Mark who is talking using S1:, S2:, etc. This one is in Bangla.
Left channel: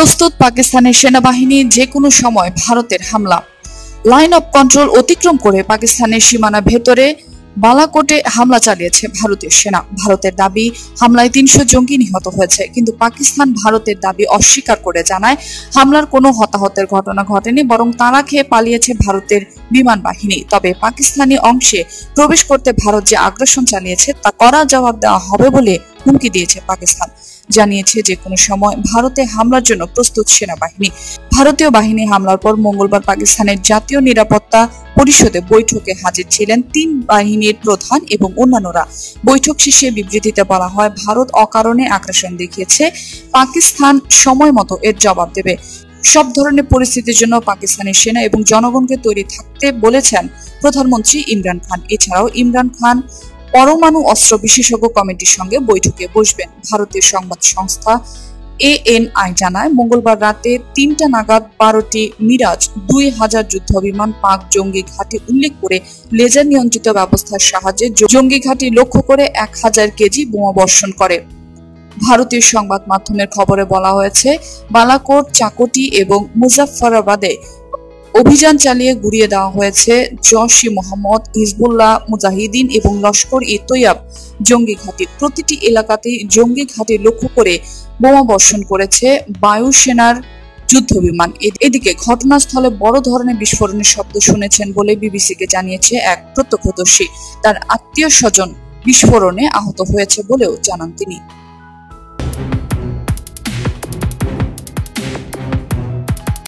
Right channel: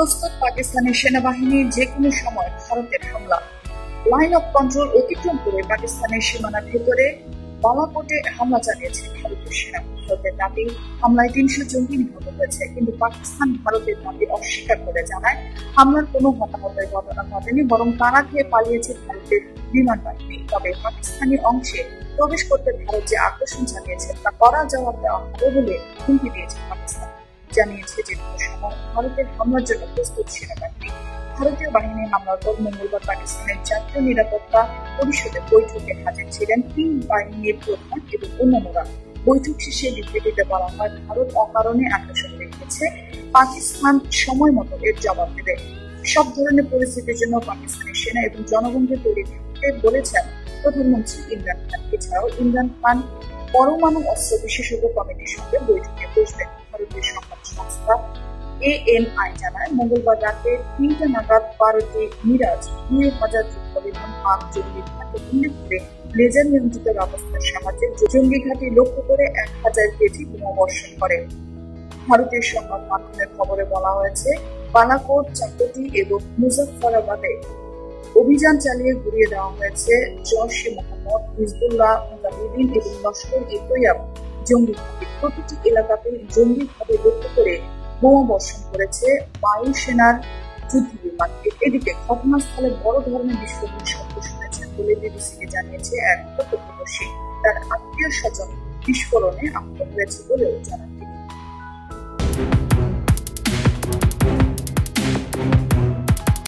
S1: প্রস্তুত পাকিস্তানের সেনাবাহিনী যে কোনো সময় ভারতের হামলা। লাইন অফ কন্ট্রোল অতিক্রম করে পাকিস্তানের সীমানা ভেতরে বালাকোটে হামলা চালিয়েছে ভারতীয় সেনা। ভারতের দাবি, হামলায় তিনশো জঙ্গি নিহত হয়েছে, কিন্তু পাকিস্তান ভারতের দাবি অস্বীকার করে জানায়, হামলার কোনো হতাহতের ঘটনা ঘটেনি, বরং তাড়া খেয়ে পালিয়েছে ভারতের বিমান বাহিনী। তবে পাকিস্তানি অংশে প্রবেশ করতে ভারত যে আগ্রাসন চালিয়েছে, তা করা জবাব দেওয়া হবে বলে হুমকি দিয়েছে পাকিস্তান। জানিয়েছে যে কোনো সময় ভারতে হামলার জন্য প্রস্তুত সেনাবাহিনী। ভারতীয় বাহিনী হামলার পর মঙ্গলবার পাকিস্তানের জাতীয় নিরাপত্তা পরিষদে বৈঠকে হাজির ছিলেন তিন বাহিনীর প্রধান এবং অন্যান্যরা। বৈঠক শেষে বিবৃতিতে বলা হয়, ভারত অকারণে আগ্রাসন দেখিয়েছে, পাকিস্তান সময় মতো এর জবাব দেবে। সব ধরনের পরিস্থিতির জন্য পাকিস্তানি সেনা এবং জনগণকে তৈরি থাকতে বলেছেন প্রধানমন্ত্রী ইমরান খান। এছাড়াও ইমরান খান পরমাণু অস্ত্র বিশেষজ্ঞ কমিটির সঙ্গে বৈঠকে বসবেন ভারতের সংবাদ সংস্থা এএনআই জানায়, মঙ্গলবার রাতে তিনটা নাগাদ বারোটি মিরাজ, দুই হাজার যুদ্ধ বিমান পাক জঙ্গি ঘাটে উল্লেখ করে লেজার নিয়ন্ত্রিত ব্যবস্থার সাহায্যে জঙ্গি ঘাঁটি লক্ষ্য করে এক হাজার কেজি বোমা বর্ষণ করে। ভারতীয় সংবাদ মাধ্যমের খবরে বলা হয়েছে, বালাকোট, চাকটি এবং মুজাফফরাবাদে অভিযান চালিয়ে গুড়িয়ে দেওয়া হয়েছে জশি মোহাম্মদ, হিজবুল্লাহ মুজাহিদিন এবং লস্কর ই তৈয়াব জঙ্গি ঘাঁটি। প্রতিটি এলাকাতে জঙ্গি ঘাঁটি লক্ষ্য করে বোমা বর্ষণ করেছে বায়ুসেনার যুদ্ধ বিমান এদিকে ঘটনাস্থলে বড় ধরনের বিস্ফোরণের শব্দ শুনেছেন বলে বিবিসিকে জানিয়েছে এক প্রত্যক্ষদর্শী। তার আত্মীয় স্বজন বিস্ফোরণে আহত হয়েছে বলেও জানান তিনি।